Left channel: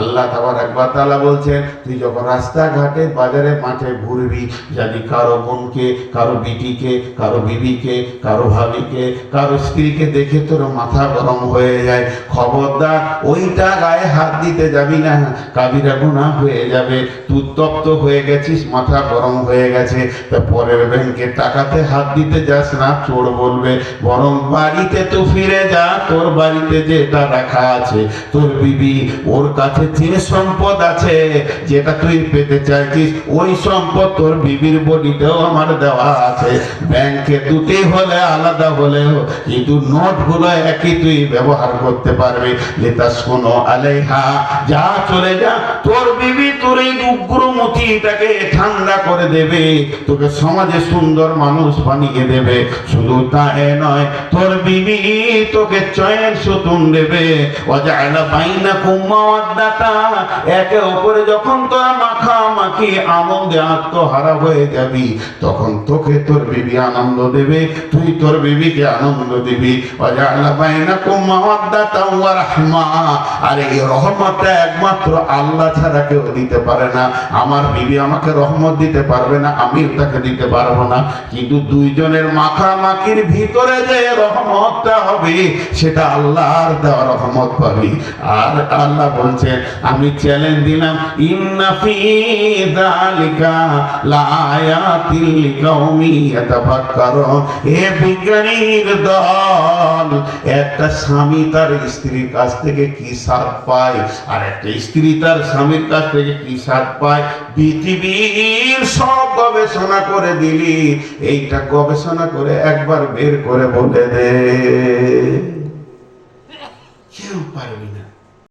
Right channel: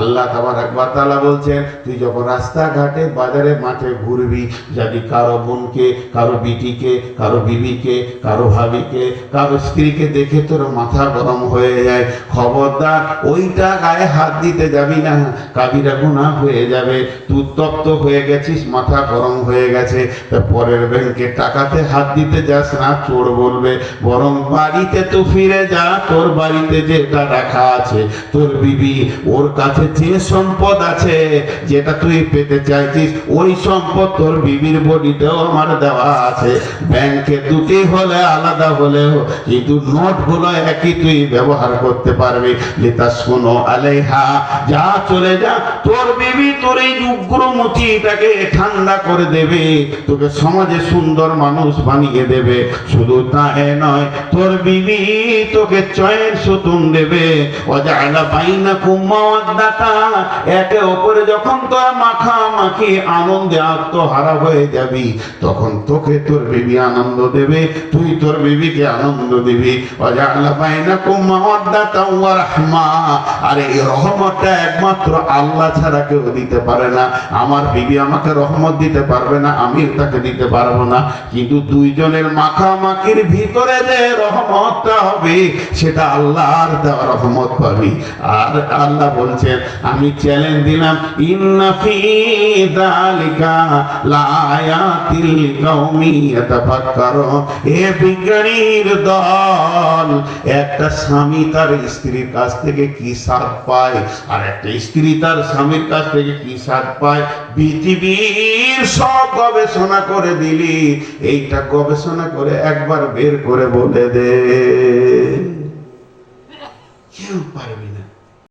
আল্লাহ তাবারক ওয়া তাআলা বলছেন, তুই যখন রাস্তাঘাটে বাজারে মাঠে ঘুরবি, যদি কারো বোনকে, কারো বিটিকে, কারো বিবিকে, কারো ভাবিকে, কারো স্ত্রীকে দেখে তোর মাথা গরম হয়ে যায়, খবরদার ওইটা গায়ে হাত দিতে যাবি না, কাবিরা গুনাহ হয়ে যাবে। তুই তপ্ত হয়ে গেছিস, মাথা গরম হয়ে গেছে, পরের ব্যাংকে টাকাতে হাত দিতে যাস না, চোর বলবে। বরং বাড়িতে তো ফিরে যা, তোর বাড়িতে যেটা রাখা আছে, তোর বিবি, ওর কাছে যে সম্পদ আছে যেটা তুই পেতে চাইছিস, ওই সম্পদ তোর বিবির বডিতেও আমার দেওয়া আছে। ব্যাংকে দুটি হলে আলাদা হলেও কিন্তু নোটগুলো একই তুই ব্যবহার করতে পারবি। লিতাসকুনু আলাইহা, যা চলে যা, তোর বিবি তোর এই উগ্রমতিটাকে ঠান্ডা করে দেবে, তোকে সমাজে সুন্দর মানুষ বানিয়ে দেবে। শুধু তাই নয়, তোর বিবি তোকে চয়ের সুতুন দেবে। ওয়াজআলা বাইনাকুম মাওয়াদ্দাতা, একে অপরে যখন তোরা মাখামাখি আনন্দে আত্মহারা হয়ে যাবি, তখন তোকে তোর বিবি আনন্দ দেবে, তুই তোর বিবিকে আনন্দ দিবি। ওয়াজআলা বাইনাকুম মাওয়াদ্দাতা ওয়া রাহমা, আর এই রহমতটা একমাত্র আল্লাহ ছাড়া কেউ দিতে পারে না। আমার বিবি আমাকে রহমত দিতে পারবে না, আমিও তাকে দিতে পারবো না, কিন্তু দুইজনের মাখামাখির ভিতরে যে রহমতটা হবে সেটা আল্লাহর দেওয়া রহমত পাবি। আর আল্লাহ বলছেন, আমি চ্যালেঞ্জ দিলাম, ইন্না ফি যালিকা লাআয়াতিল লিকাউমি ইয়াতাফাক্কারুন। এ বিজ্ঞানীর দল, একটা স্বামী তার স্ত্রীর কাছ থেকে কি স্বাদ পায়, আর একটা স্ত্রী তার স্বামীর কাছ থেকে কি স্বাদ পায়, পৃথিবীর সব গবেষণা করে দিলি, এইটা গবেষণা করে একবার বের করে বলে দে, কেউ পারবি না।